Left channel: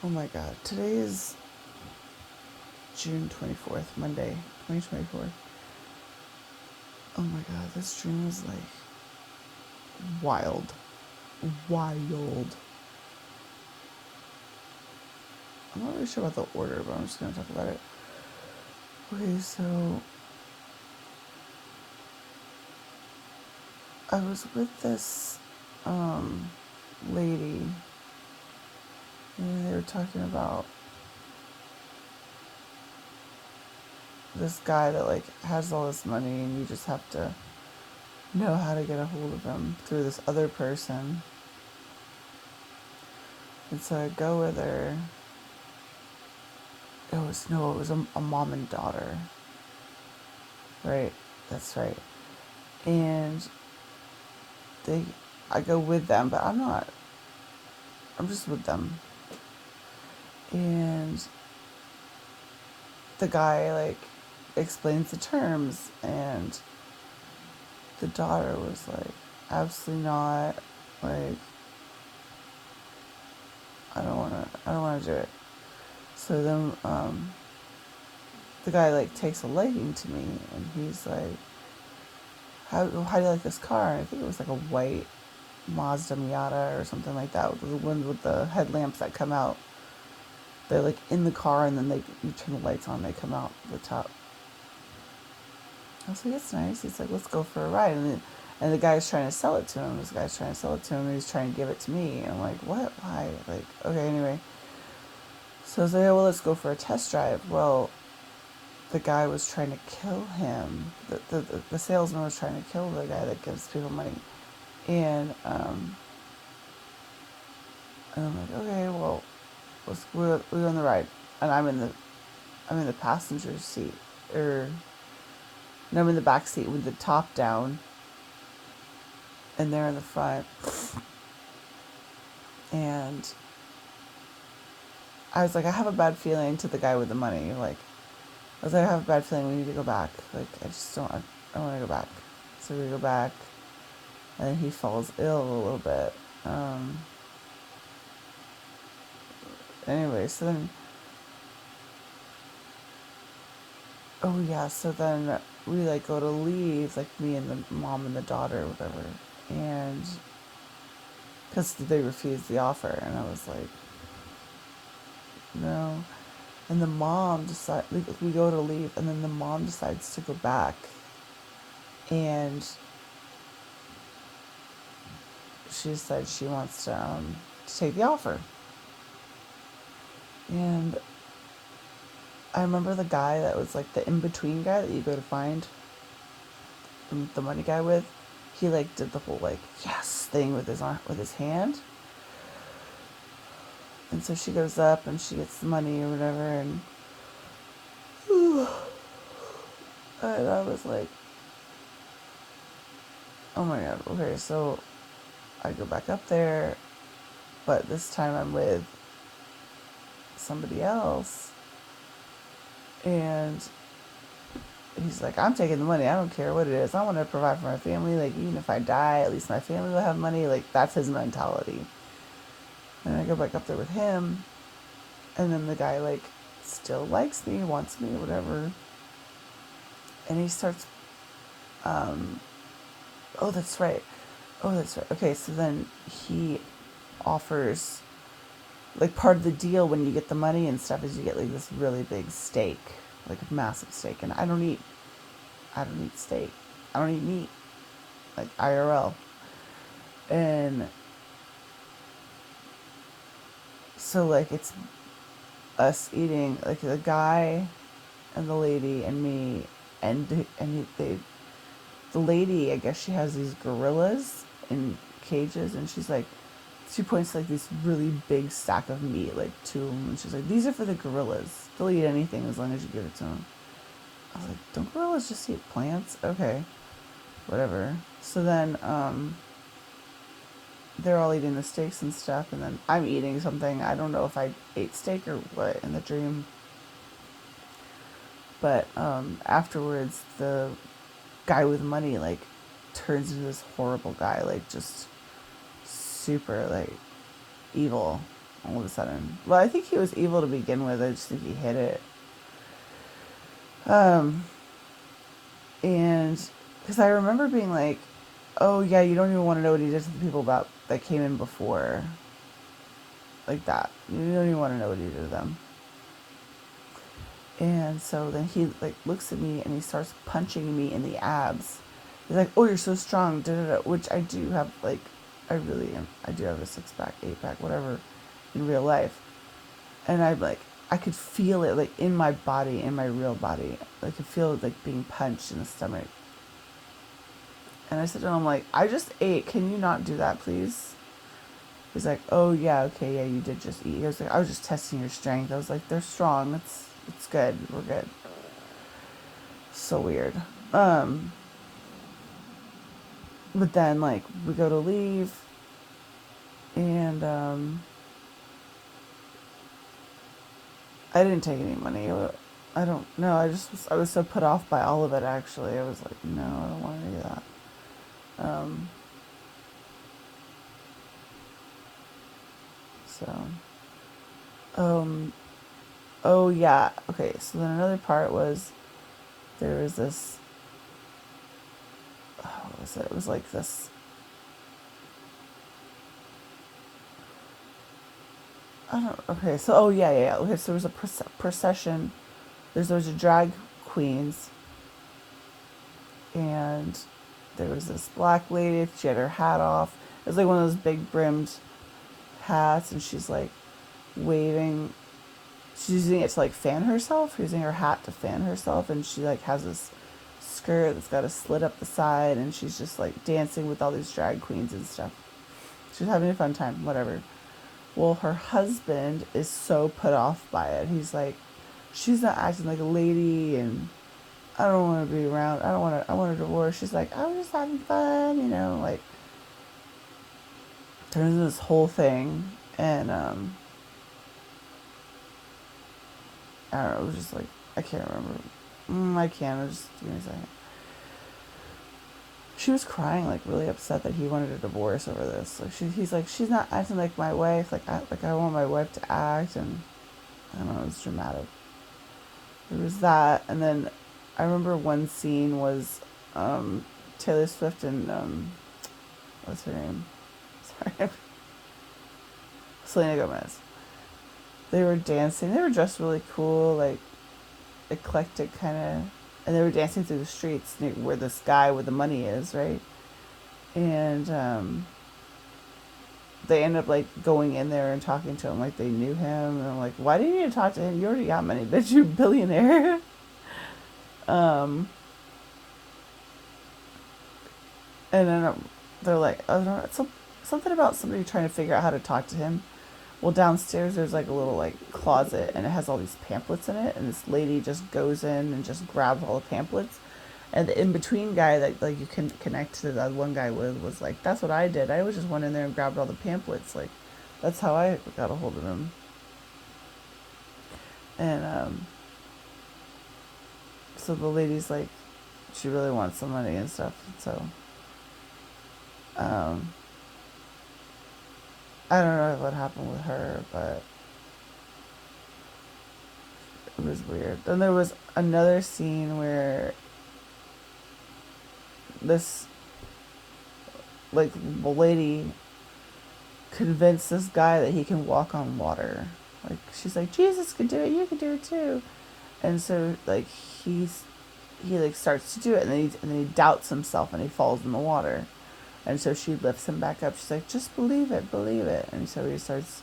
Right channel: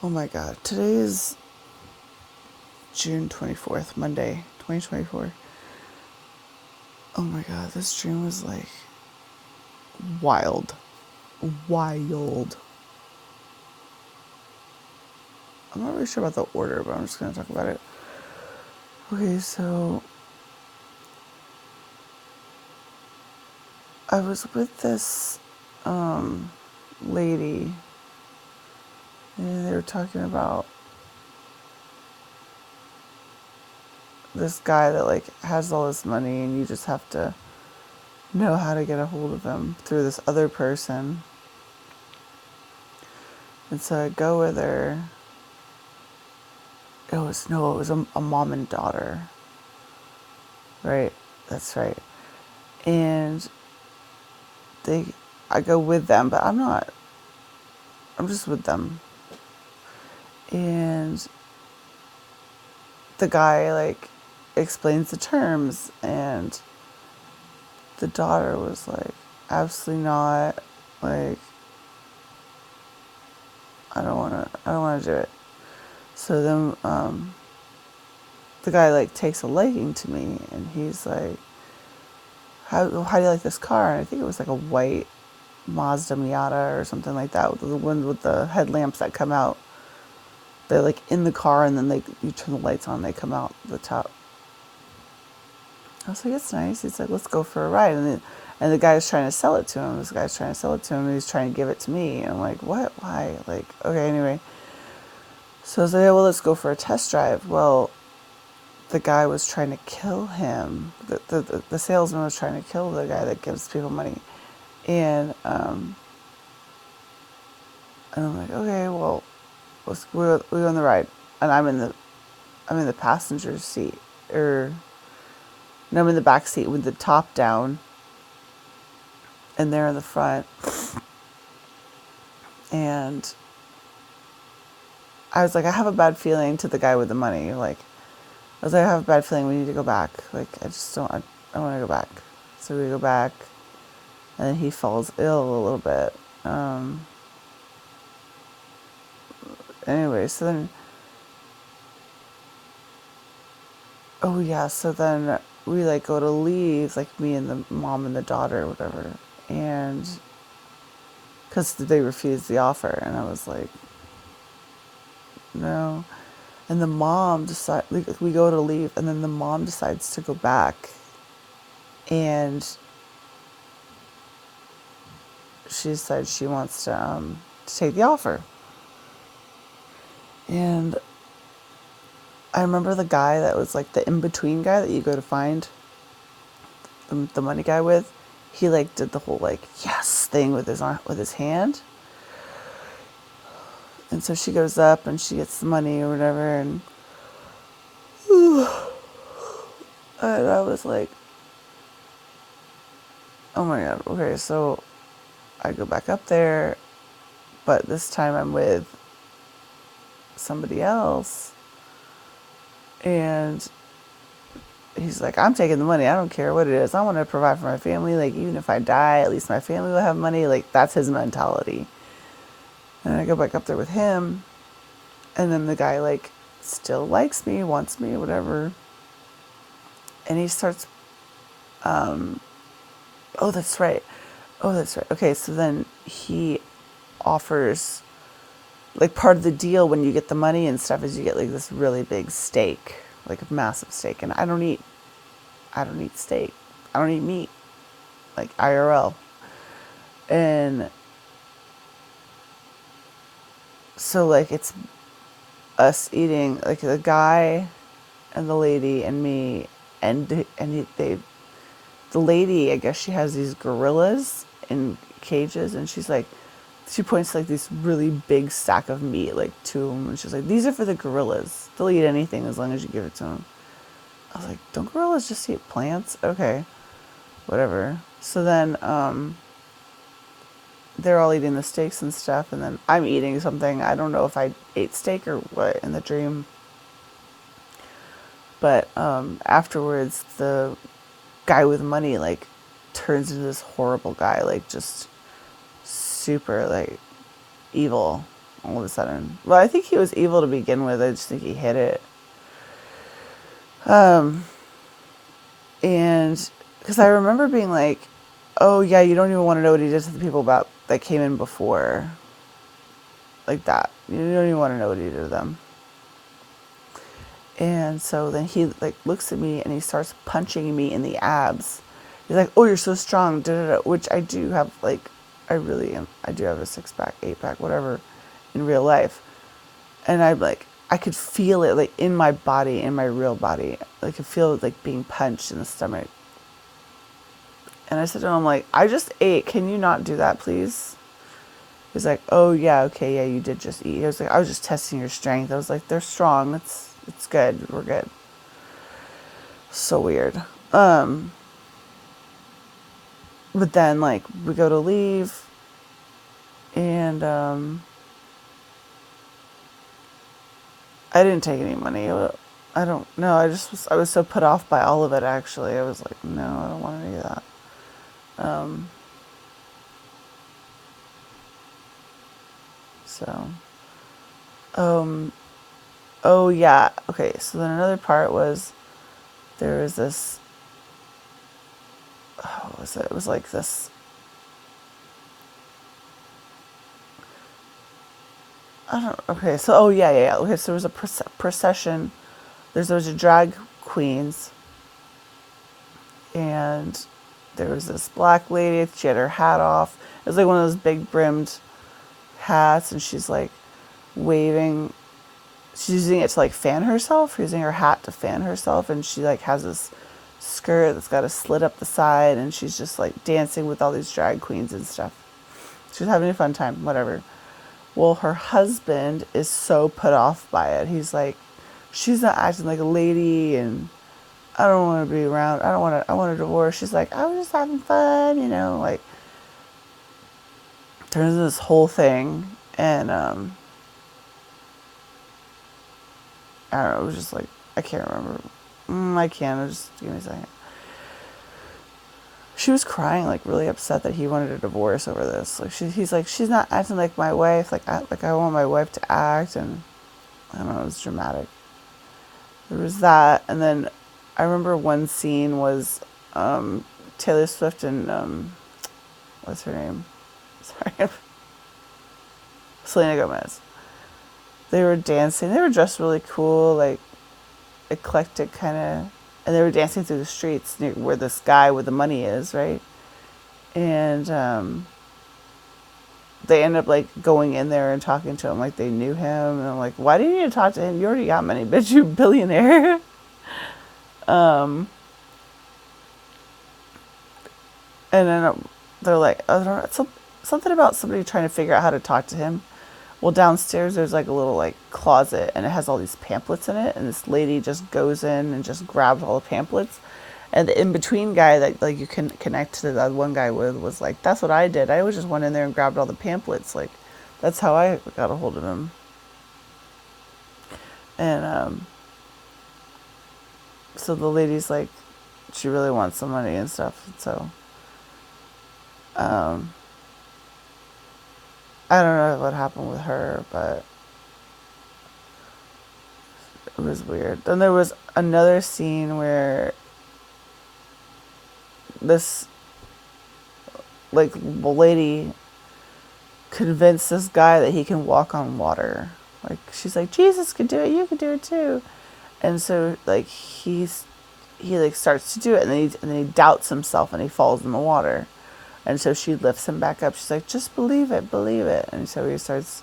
Oh my god. Today is June 24th, Monday, 2024. Oh my god, this dream was like wild. Wild. I'm not really sure about the order, but I'm just gonna talk about it. Okay, so I was with this lady, and they were talking about this guy that like has all this money, and you just have to know how to get a hold of him through this other person. And so I go with her. It was a mom and daughter. Right, that's right. And they, I go with them, but I'm not. I'm just with them. And the guy like explains the terms, and the daughter was like, absolutely not. Like, I don't wanna do it. So then the guy like takes a liking to me, and he's like, how do you like this car? And I think it was like a white Mazda Miata or something like that, with the one with the headlamps that come out. They're like in the car, and then you turn the lights on, they come out the top. I was like, it's nice. He's like, let's go for a ride. And the guy's trying to sell it to him. This guy's trying to sell it to him, and he's trying to give it to me. And I'm like, what? Why? Like, okay, anyway. So I was like, well, let's go for a test drive. Well, the guy was trying to kill him. The salesman was trying to kill the guy that gives people money. And I'm like, okay, well, we'll go on the ride. And I'm in the passenger seat, or no, I'm in the back seat with the top down, and they're in the front. And I was like, I have a bad feeling to the guy with the money. Like, I was like, I have a bad feeling we need to go back. Like, I just don't, I want to go back. So we go back, and then he falls ill a little bit. Anyway, so then, oh yeah, so then we like go to leave, like me and the mom and the daughter or whatever. And because they refused the offer, and I was like, no. And the mom decides, like, we go to leave, and then the mom decides to go back, and she decides she wants to take the offer. And I remember the guy that was like the in-between guy that you go to find the money guy with. He like did the whole like yes thing with his hand. And so she goes up and she gets the money or whatever, and I was like, oh my god, okay, so I go back up there, but this time I'm with somebody else, and he's like, I'm taking the money, I don't care what it is, I want to provide for my family, like, even if I die, at least my family will have money, like, that's his mentality. And I go back up there with him, and then the guy, like, still likes me, wants me, whatever, and he starts, oh, that's right. Oh, that's right. Okay, so then he offers, like, part of the deal when you get the money and stuff is you get like this really big steak, like a massive steak. And I don't eat steak. I don't eat meat, like IRL. And so like it's us eating, like the guy and the lady and me, the lady, I guess she has these gorillas in cages, and she points to like this really big stack of meat, like two of them, and she's like, these are for the gorillas. They'll eat anything as long as you give it to them. I was like, don't gorillas just eat plants? Okay, whatever. So then they're all eating the steaks and stuff, and then I'm eating something. I don't know if I ate steak or what in the dream. But afterwards, the guy with money like turns into this horrible guy, like just super like evil. all of a sudden. Well, I think he was evil to begin with. I just think he hid it. And because I remember being like, oh yeah, you don't even want to know what he did to the people about that came in before, like that. You don't even want to know what he did to them. And so then he like looks at me and he starts punching me in the abs. He's like, "Oh, you're so strong," da, da, da, which I do have. Like, I really am. I do have a 6-pack, 8-pack, whatever, in real life. And I'm like, I could feel it like in my body, in my real body. I could feel it like being punched in the stomach. And I said to him, like, I just ate. Can you not do that, please? He's like, oh yeah, okay, yeah, you did just eat. I was like, I was just testing your strength. I was like, they're strong. It's good. We're good. So weird. But then like we go to leave, and I didn't take any money. I don't know. I was so put off by all of it. Actually, I was like, no, I don't want any of that. Um, so, um, oh yeah, okay. So then another part was there was this. What was it? It was like this. I don't. Okay, so oh yeah, yeah, yeah. Okay, so there was a procession. There was a drag queens, and there was this black lady. She had her hat off. It was like one of those big brimmed hats, and she's like waving. She's using it to like fan herself, using her hat to fan herself, and she like has this skirt that's got a slit up the side, and she's just like dancing with all these drag queens and stuff. She's having a fun time, whatever. Well, her husband is so put off by it. He's like, she's not acting like a lady, and I don't want to be around. I don't want to. I want a divorce. She's like, I was just having fun, like turns into this whole thing, and I don't know. It was just like I can't remember. I can't. Just give me a second. She was crying, like really upset that he wanted a divorce over this. Like he's like, she's not acting like my wife. Like I want my wife to act, and I don't know. It was dramatic. There was that, and then I remember one scene was Taylor Swift and what's her name? Sorry, Selena Gomez. They were dancing. They were dressed really cool, like eclectic kind of, and they were dancing through the streets near where this guy with the money is, right? And they ended up like going in there and talking to him like they knew him, and I'm like, why do you need to talk to him? You already got money, bitch. You billionaire. um, and then they're like, I don't know, something about somebody trying to figure out how to talk to him. Well, downstairs there's like a little like closet, and it has all these pamphlets in it, and this lady just goes in and just grabs all the pamphlets. And the in between guy that like you can connect to that one guy with was like, that's what I did. I was just went in there and grabbed all the pamphlets. Like, that's how I got a hold of him. And so the lady's like, she really wants some money and stuff. So um, I don't know what happened with her, but it was weird. Then there was another scene where this like lady convinced this guy that he can walk on water. Like she's like, Jesus could do it, you could do it too. And so like he like starts to do it, and then he doubts himself and he falls in the water. And so she lifts him back up. She's like, just believe it, believe it. And so he starts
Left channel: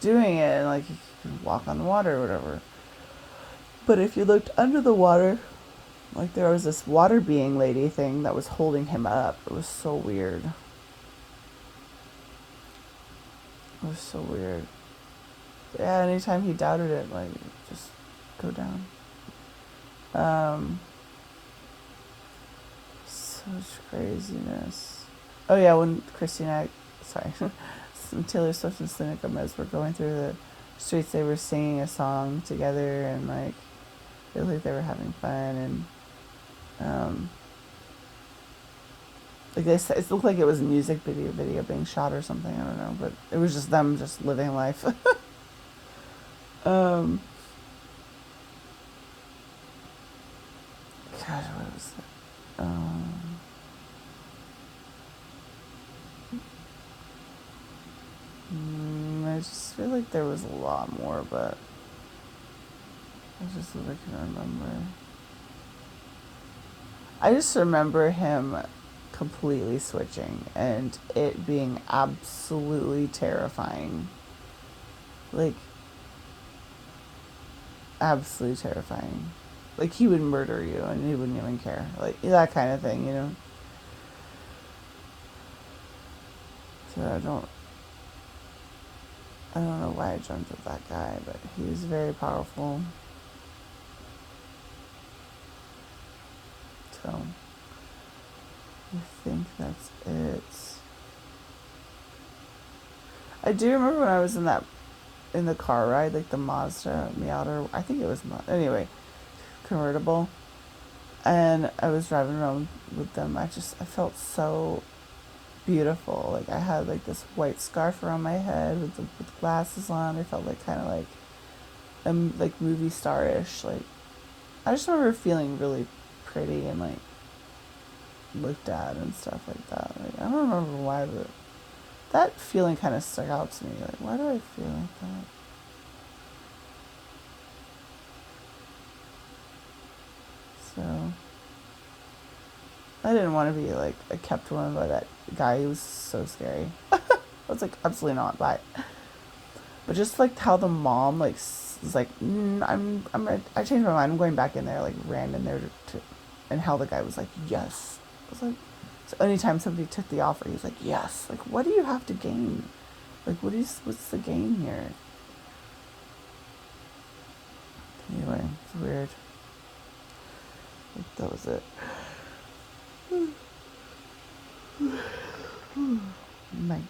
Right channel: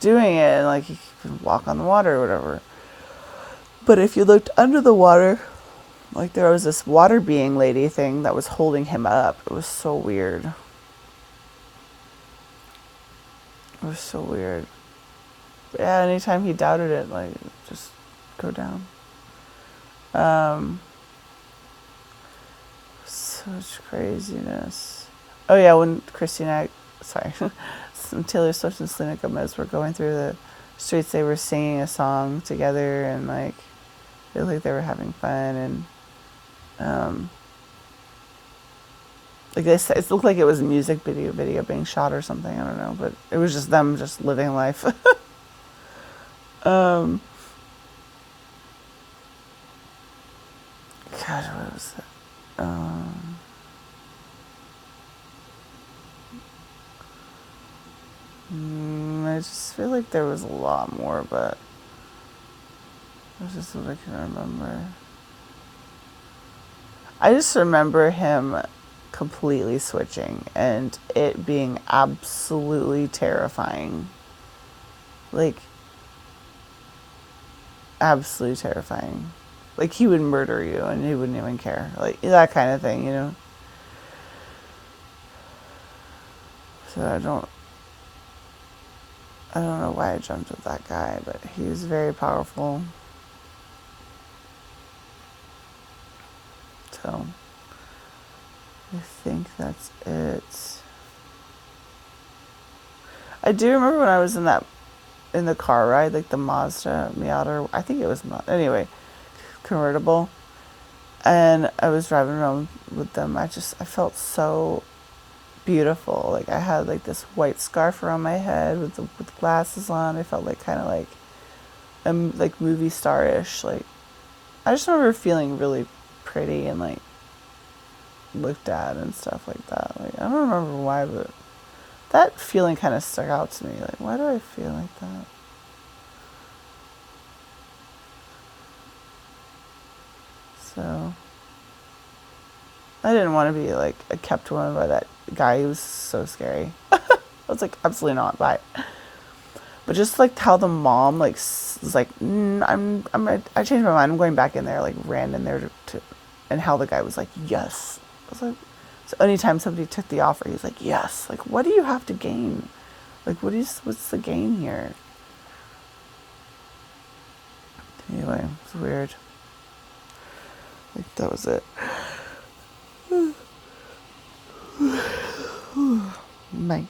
doing it, and like he can walk on the water or whatever. But if you looked under the water, like there was this water being lady thing that was holding him up. It was so weird. It was so weird. But yeah, anytime he doubted it, like just go down. Such craziness. Oh yeah, when Taylor Swift and Selena Gomez were going through the streets, they were singing a song together, and like they looked like they were having fun, and Like they said, it looked like it was a music video being shot or something. I don't know, but it was just them just living life. um, God, what was it? I just feel like there was a lot more, but that's just what I can remember. I just remember him completely switching and it being absolutely terrifying. Like, absolutely terrifying. Like, he would murder you and he wouldn't even care. Like, that kind of thing, you know? So I don't know why I jumped with that guy, but he was very powerful. So, I think that's it. I do remember when I was in the car ride, like the Mazda Miata, I think it was, anyway, convertible. And I was driving around with them. I felt so beautiful. Like I had like this white scarf around my head with glasses on. I felt like kind of like movie star-ish. Like I just remember feeling really pretty and like looked at and stuff like that. Like I don't remember why, but that feeling kind of stuck out to me. Like why do I feel like that? So I didn't want to be like a kept woman by that guy. He was so scary. I was like, absolutely not. Bye. But just like how the mom like was like, I changed my mind. I'm going back in there. Like ran in there and how the guy was like, yes. I was like, so anytime somebody took the offer, he's like, yes. Like, what do you have to gain? Like, what's the gain here? Anyway, it's weird. Like that was it. Bye.